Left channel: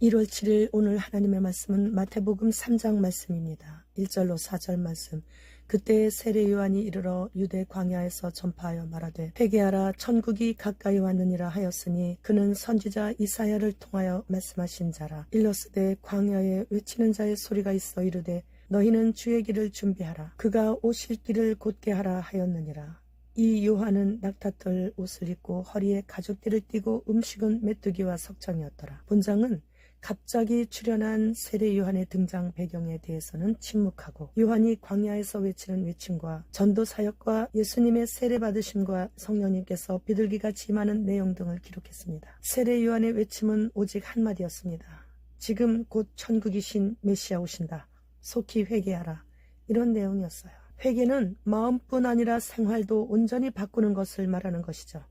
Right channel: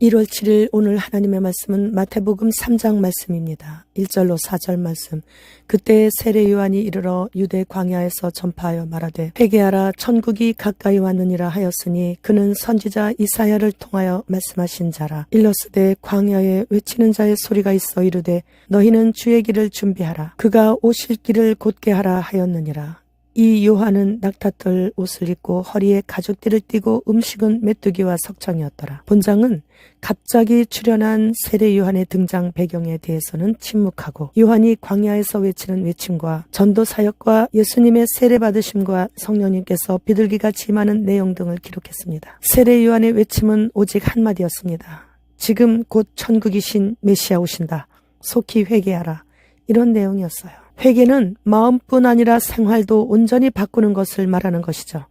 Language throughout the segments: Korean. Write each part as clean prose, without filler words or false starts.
1월 7일 오늘 하나님의 말씀은 마태복음 3장 말씀입니다. 1절로 4절 말씀. 그때 세례 요한이 이르러 유대 광야에서 전파하여 말하되 회개하라 천국이 가까이 왔느니라 하였으니 그는 선지자 이사야를 통하여 말씀하신 자라. 일러스되 광야에 외치는 자의 소리가 있어 이르되 너희는 주의 길을 준비하라 그가 오실 길을 곧게 하라 하였느니라. 이 요한은 낙타털 옷을 입고 허리에 가죽띠를 띠고 음식은 메뚜기와 석청이었더라. 본장은 갑자기 출현한 세례 요한의 등장 배경에 대해서는 침묵하고 요한이 광야에서 외치는 외침과 전도 사역과 예수님의 세례 받으심과 성령님께서 비둘기같이 임하는 내용 등을 기록했습니다. 세례 요한의 외침은 오직 한마디였습니다. 지금 곧 천국이신 메시아 오신다. 속히 회개하라. 이런 내용이었어요. 회개는 마음뿐 아니라 생활도 온전히 바꾸는 것을 말하는 것이죠.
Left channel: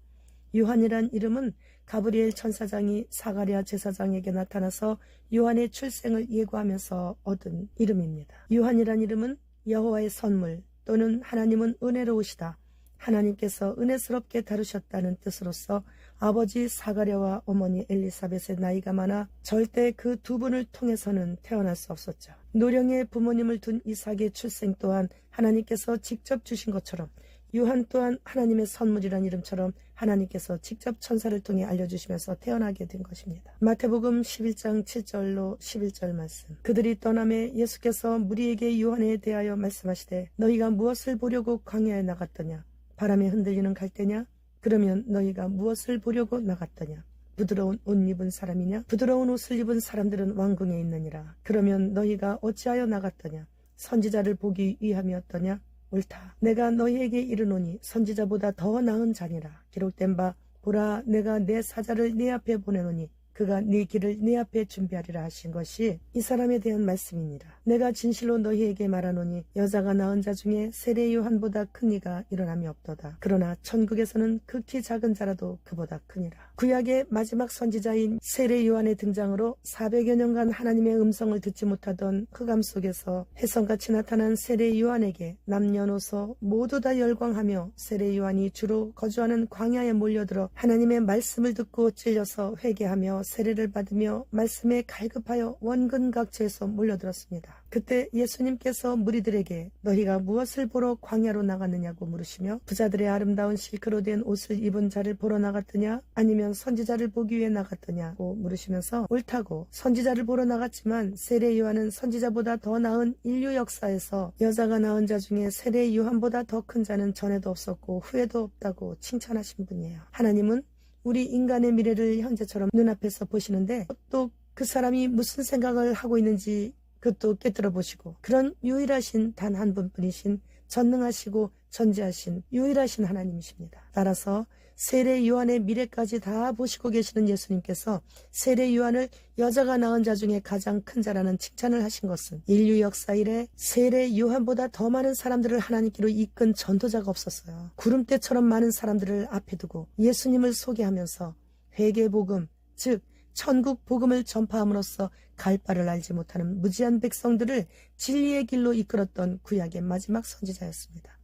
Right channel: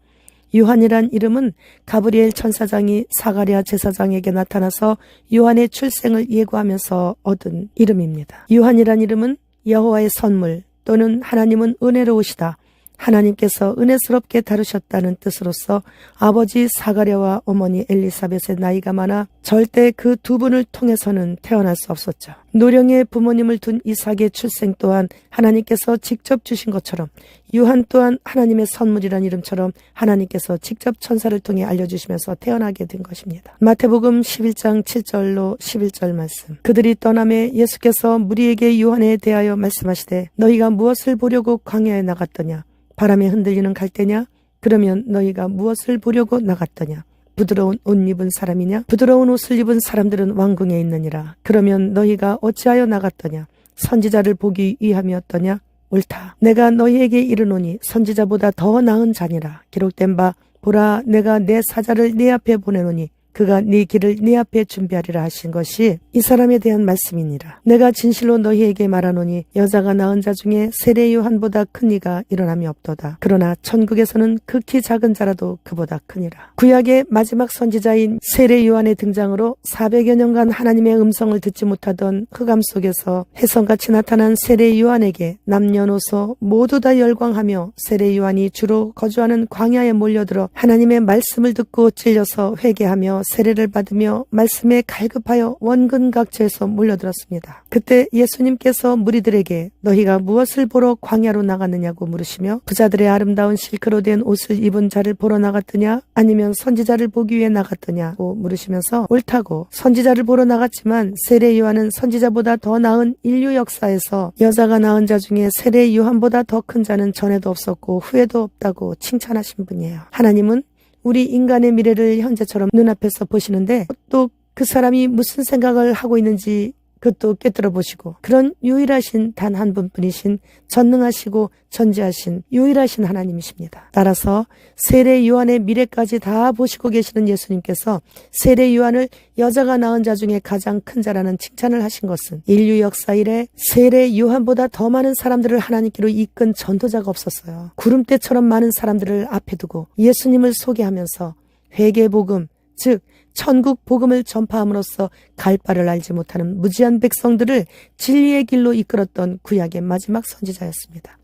요한이란 이름은 가브리엘 천사장이 사가랴 제사장에게 나타나서 요한의 출생을 예고하면서 얻은 이름입니다. 요한이란 이름은 여호와의 선물 또는 하나님은 은혜로우시다. 하나님께서 은혜스럽게 다루셨다는 뜻으로서 아버지 사가랴와 어머니 엘리사벳의 나이가 많아 절대 그 두 분을 통해서는 태어날 수 없었죠. 노령의 부모님을 둔 이삭의 출생 또한 하나님께서 직접 주신 것처럼 요한 또한 하나님의 선물이란 이름처럼 하나님께서 직접 천사를 통해 알려주시면서 태어나게 된 것입니다. 마태복음 11장 7절로 11절 말씀. 그들이 떠남에 예수께서 무리에게 요한에 대하여 말씀하시되 너희가 무엇을 보려고 광야에 나갔더냐? 바람에 흔들리는 갈대냐? 그러면 너희가 무엇을 보려고 나갔더냐? 부드러운 옷 입은 사람이냐? 부드러운 옷을 입은 사람들은 왕궁에 있느니라. 그러면 너희가 어찌하여 나갔더냐? 선지자를 보기 위함이었더냐? 옳다. 내가 너희에게 이르노니 선지자보다 더 나은 자니라. 기록된 바 보라 내가 내 사자를 네 앞에 보내노니 그가 네 길을 네 앞에 준비하리라 하신 것이 이 사람에 대한 말씀이니라. 내가 진실로 너희에게 말하노니 여자가 낳은 자 중에 세례 요한보다 큰 이가 일어남이 없도다. 그러나 천국에서는 극히 작은 자라도 그보다 크니라. 구약의 마지막 선지자인 세례 요한의 등장으로 400여 년간 하나님의 음성을 듣지 못하던 흑암 속에서 혜성같이 나타난 세례 요한에게 남녀노소 모두 다 열광하며 세례 요한이 주로 거주하는 광야에 몰려들어 하나님의 말씀을 듣고 찔려서 회개하며 세례를 받으며 말씀에 갈급하여 원근각지에서 몰려들었습니다. 그때 예수님께서 무리들에게 너희가 무엇을 보러 광야로 나갔느냐고 물으시며 부자들의 아름다운 실크로 된 옷을 입은 자를 보러 나갔더냐 아니면 선지자를 보기 위해 나갔더냐고 물으시면서 옳다고 선지자를 보러 나갔지만 세례 요한은 선지자보다 더 나은 인류 역사에서 여자가 낳은 자 중에 세례 요한보다 더 큰 자는 전에도 없었고 후에도 없다고 칭찬하신 분이에요. 하나님은 우리 인간의 미래를 현재처럼 눈앞에서 보시는데 또 그 사람이 무슨 생각을 하고 있는지 그것도 꿰뚫어 보시고 그런 유일하신 단 한 분뿐이신 전능하시고 전지하신 유일하신 하나님이십니다. 따라서 세례 요한의 미래까지 다 보시고 계시는 예수님께서 세례 요한을 여자가 낳은 자 중에 가장 큰 자라는 칭찬을 하신 것은 인류 역사 이래 세례 요한보다 더 많은 사람들을 하나님께로 이끈 전도자가 없었어요. 구름대처럼 많은 사람들을 앞에 두고 예수님을 소개하면서 회개복음 즉 천국 복음을 전파함으로써 갈 바를 알지 못하는 무지한 백성들을 진리의 길로 이끌었던 구약의 마지막 선지자였습니다.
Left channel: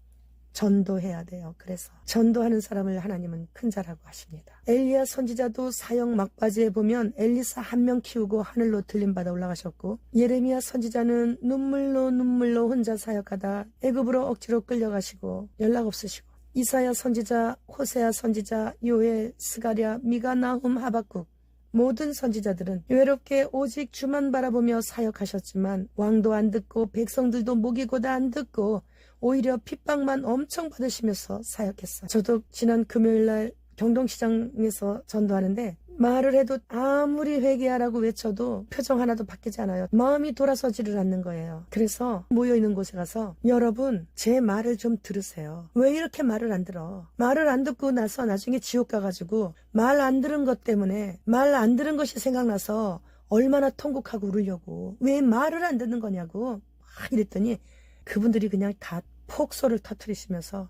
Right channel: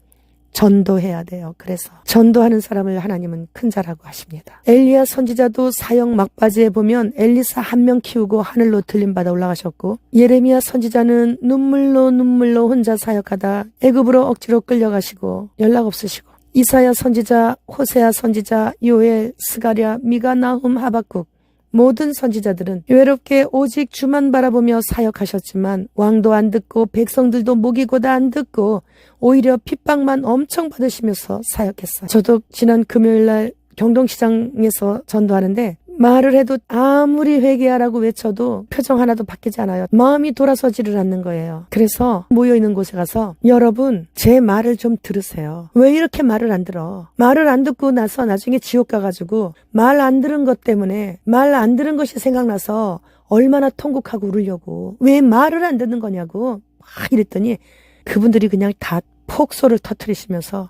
전도해야 돼요. 그래서 전도하는 사람을 하나님은 큰 자라고 하십니다. 엘리야 선지자도 사역 막바지에 보면 엘리사 한 명 키우고 하늘로 들림받아 올라가셨고 예레미야 선지자는 눈물로 혼자 사역하다 애굽으로 억지로 끌려가시고 연락 없으시고 이사야 선지자, 호세아 선지자, 요엘, 스가랴, 미가, 나훔, 하박국 모든 선지자들은 외롭게 오직 주만 바라보며 사역하셨지만 왕도 안 듣고 백성들도 목이고다 안 듣고 오히려 핍박만 엄청 받으시면서 사역했어요. 저도 지난 금요일날 경동시장에서 전도하는데 말을 해도 아무리 회개하라고 외쳐도 표정 하나도 바뀌지 않아요. 마음이 돌아서지를 않는 거예요. 그래서 모여있는 곳에 가서 여러분 제 말을 좀 들으세요. 왜 이렇게 말을 안 들어? 말을 안 듣고 나서 나중에 지옥 가가지고 말 안 들은 것 때문에 말 안 들은 것이 생각나서 얼마나 통곡하고 울으려고 왜 말을 안 듣는 거냐고 막 이랬더니 그분들이 그냥 다 폭소를 터뜨리시면서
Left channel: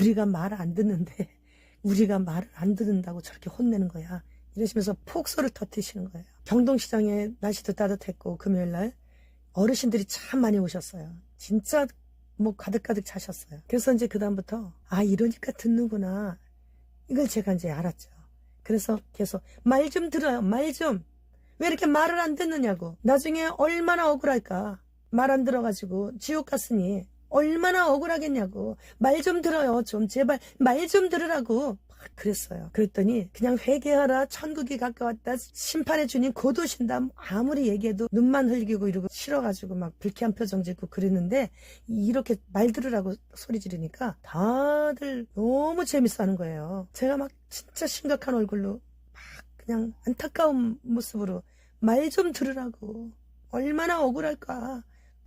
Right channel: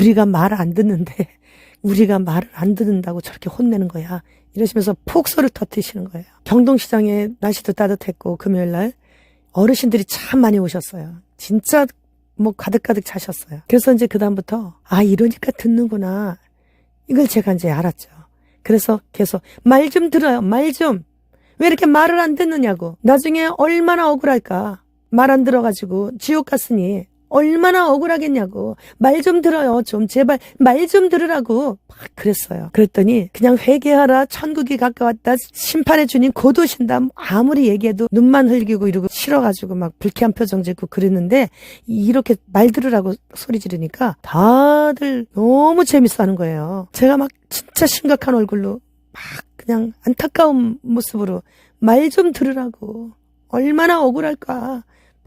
우리가 말 안 듣는데 우리가 말을 안 듣는다고 저렇게 혼내는 거야. 이러시면서 폭소를 터뜨리시는 거예요. 경동시장에 날씨도 따뜻했고 금요일날 어르신들이 참 많이 오셨어요. 진짜 뭐 가득가득 차셨어요. 그래서 이제 그다음부터 이러니까 듣는구나. 이걸 제가 이제 알았죠. 그래서 계속 말 좀 들어요. 말 좀. 왜 이렇게 말을 안 듣느냐고. 나중에 얼마나 억울할까. 말 안 들어가지고 지옥 갔으니 얼마나 억울하겠냐고. 말 좀 들어요. 좀 제발 말 좀 들으라고 막 그랬어요. 그랬더니 그냥 회개하라. 천국이 가까웠다. 심판의 주님 곧 오신다. 아무리 얘기해도 눈만 흘기고 이러고 싫어가지고 막 불쾌한 표정 짓고 그랬는데 이렇게 말 들으라고 소리 지르니까 다들 너무 재밌어하는 거예요. 제가 막 진짜 심각한 얼굴로 막 그냥 안타까운 모습으로 말 좀 들으라고. 얼마나 억울할까.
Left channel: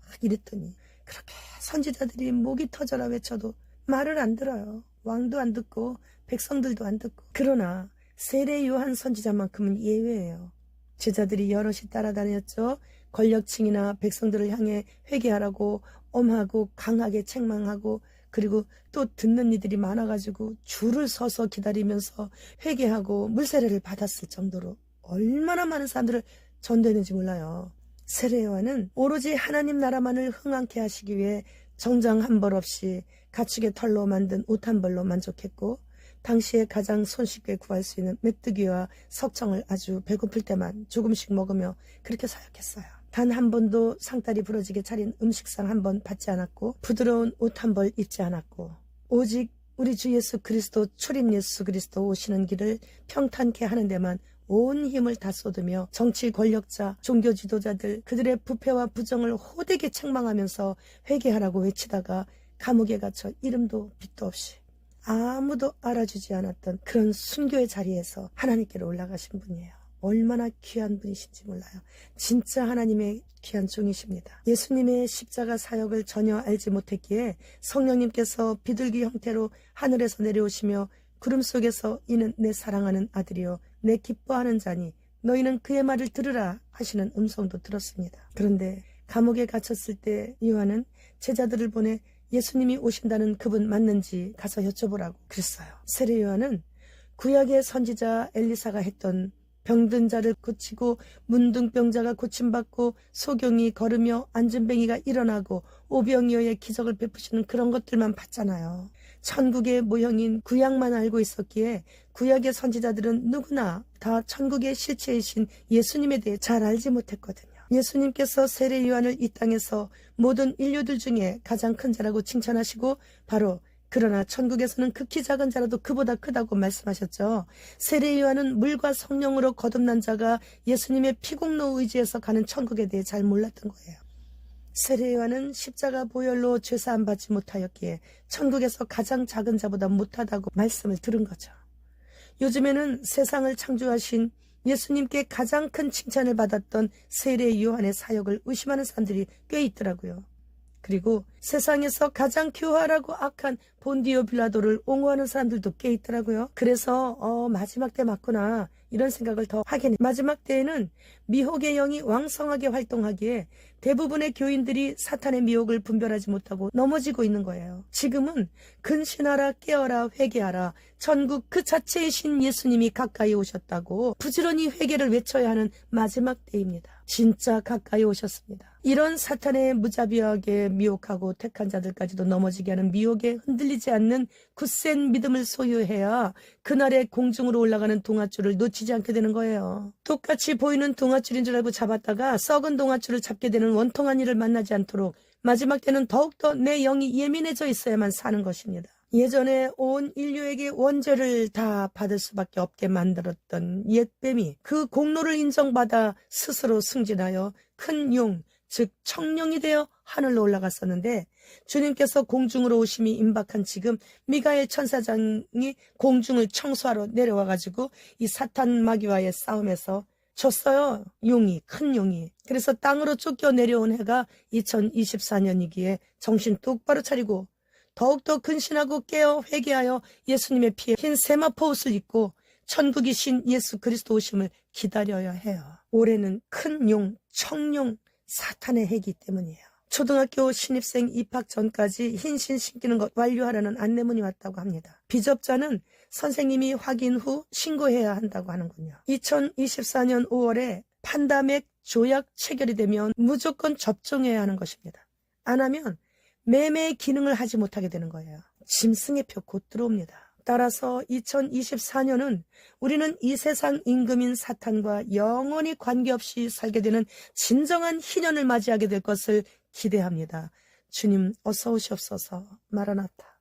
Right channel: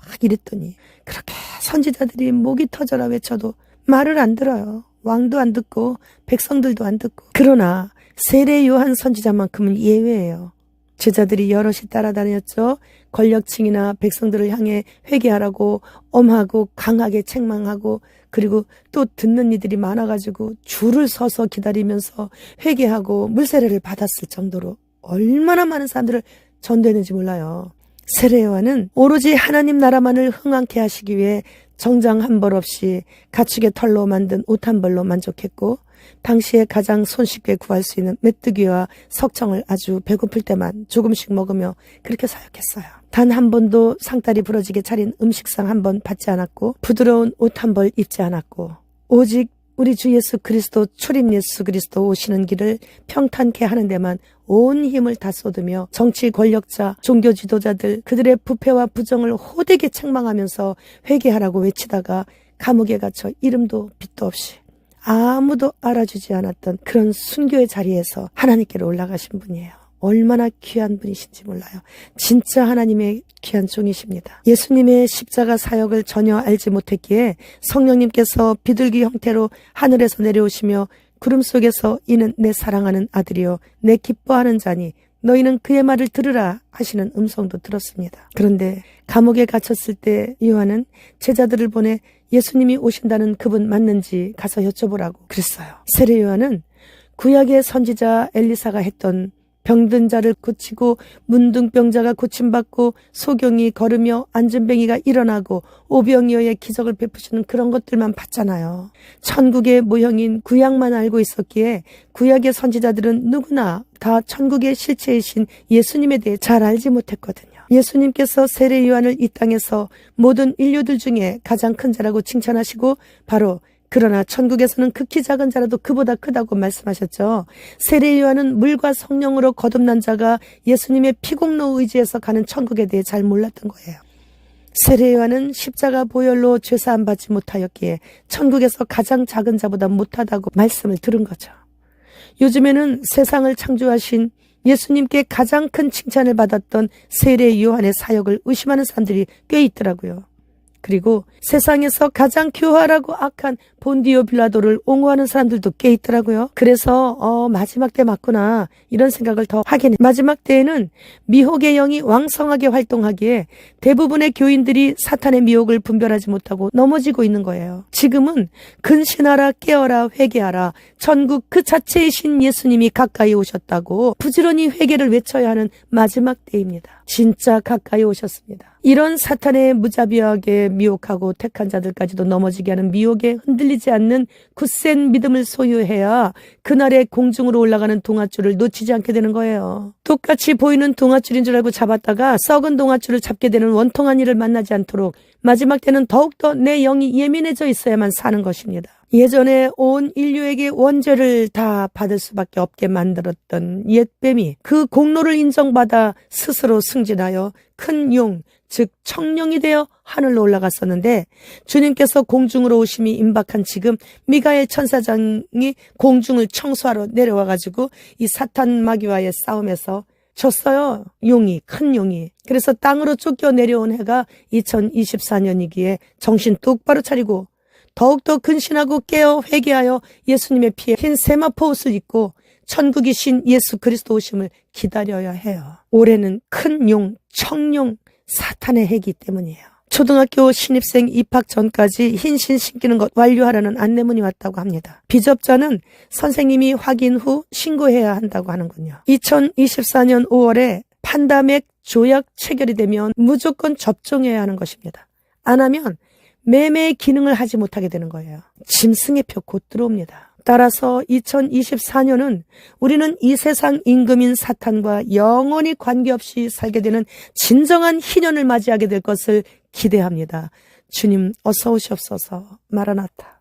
막 이랬더니 그렇게 선지자들이 목이 터져라 외쳐도 말을 안 들어요. 왕도 안 듣고 백성들도 안 듣고. 그러나 세례 요한 선지자만큼은 예외예요. 제자들이 여럿이 따라다녔죠. 권력층이나 백성들을 향해 회개하라고 엄하고 강하게 책망하고 그리고 또 듣는 이들이 많아가지고 줄을 서서 기다리면서 회개하고 물세례를 받았을 정도로 얼마나 많은 사람들을 전도했는지 몰라요. 세례 요한은 오로지 하나님 나라만을 흥왕케 하시기 위해 정장 한 벌 없이 가축의 털로 만든 옷 한 벌로 만족했고 당시에 가장 손쉽게 구할 수 있는 메뚜기와 석청을 아주 배고플 때만 조금씩 먹으며 그렇게 사역했어요. 단 한 번도 상다리 부러지게 차린 음식상 한 번 받지 않았고 부드러운 옷 한 벌 입지 않았고 오직 우리 주 예수 그리스도 출입 예수 그리스도 오시는 길을 평탄케 하는 데만 온 힘을 다 쏟으며 정치 권력자, 종교 지도자들 그들의 부패와 부정을 호되게 책망하면서 회개하라고 외치다가 감옥에 갇혀 이름도 빛도 없이 아무도 알아주지 않았던 그런 순교의 자리에서 하나님께로 올라가신 분이에요. 얼마나 귀한 분이신지 몰라요. 진짜 하나님의 귀한 종이십니다. 예수님의 십자가 사역을 전혀 알지 못했기에 성령님께서 비둘기 형태로 하늘에서 내려오시며 구름 속에서 이는 내 사랑하는 아들이요 내 기뻐하는 자니 너희는 그의 말을 들으라 하시는 음성도 들었습니다. 그런데 감옥에 갇혔을 때 요한은 제자들을 보내 예수님이 오신다는 그분 맞는지 가서 여쭤보라고 그랬어요. 세례 요한은 구약의 선지자 엘리사가 했던 병든 자를 고치고 문둥병자가 고침받고 소경이 걸으며 앉은뱅이가 일어나고 오병이어의 기적을 베푸시는 그런 것들만 봤잖아요. 천국의 모형인 구약만 알고 있었기에 구약의 선지자들은 누구나 다 천국의 실체이신 예수님에 대해 잘 알지 못했거든요. 예수님께서 세례 요한을 이 땅에서 모든 인류들 중에 가장 큰 자라고 칭찬하시고 바로 그러나 천국에서는 극히 작은 자라도 그보다 크다고 말씀하셨죠. 세례 요한은 물과 성령으로 거듭난 자가 예수님의 피공로 의지에서 가는 천국에 대해 잘 몰랐던 거예요. 세례 요한은 십자가 보혈로 죄사함 받지 못하였기에 천국에서 가장 작은 자보다 못하다고 말씀을 들은 거죠. 요즘에는 세상을 창조하신 예수님께 가장 큰 칭찬을 받았던 세례 요한의 사역을 의심하는 사람들이 꽤 있더라고요. 그리고 세상에서 가장 교활하고 악한 본디오 빌라도를 옹호하는 사람들도 꽤 있더라고요. 그래서 마지막 때 맞구나 이런 생각을 더 하게 돼요. 마지막 때에는 미혹의 영이 왕성하게 활동하기에 대부분의 교인들이 사탄의 미혹을 분별하지 못하고 넘어지고 있는 거예요. 지금은 근신하라 깨어라 회개하라 천국 그 자체이신 예수님이 가까이 오셨다고 부지런히 회개를 외쳐야 하는 마지막 때입니다. 진짜 가까이 오셨습니다. 이런 사탄의 무자비하게 미혹하고 택한 자들까지도 넘어지게 하는 미혹에 흔들리지 않는 굳센 믿음을 소유해야 그날의 공중으로 올라가는 동아줄을 놓치지 않게 되는 거예요. 똑같이 보이는 동아줄인 줄 알고 잡았다가 썩은 동아줄을 잡게 되는 원통한 일을 만나지 않도록 마지막 때는 더욱더 내 영이 예민해져 있어야만 사는 것입니다. 예전에 온 인류에게 원죄를 다 받을 수밖에 없게 만들었던 옛뱀이 그 공로를 인정받아 스스로 승진하여 큰 용, 즉 청룡이 되어 하늘로 올라갔었는데 주님께서 공중으로 오심이 임박한 지금 미가엘 천사장이 공중을 청소하러 내려와가지고 이 사탄 마귀와의 싸움에서 졌어요. 용이, 큰 용이. 그래서 땅으로 쫓겨 내려온 해가 2024년이기에 정신 똑바로 차리고 더욱더 근신하고 깨어 회개하여 예수님의 피에 흰 세마포 옷을 입고 천국이신 예수 그리스도 오심을 기다려야 해요. 올해는 큰 용, 청룡, 사탄의 해이기 때문이에요. 초등학교 신입생 입학 전까지 흰신 신기는 것 완료하라는 안내문이 왔다고 합니다. 비접자는 선생님이 확인 후 신고해야 한다고 하는군요. 2024년 5월에 판다맥 조약 체결이 되면 무조건 접종해야 하는 것입니다. 안 하면 매매의 기능을 하지 못하게 되는 거예요. 짐승의 표 곧 들어옵니다. 따라서 2024년은 우리는 이 세상 임금인 사탄과 영원히 관계없이 살게 되는 진정한 희년을 맞이하게 될 것을 기대합니다. 주님 어서 오시옵소서. 마라나타.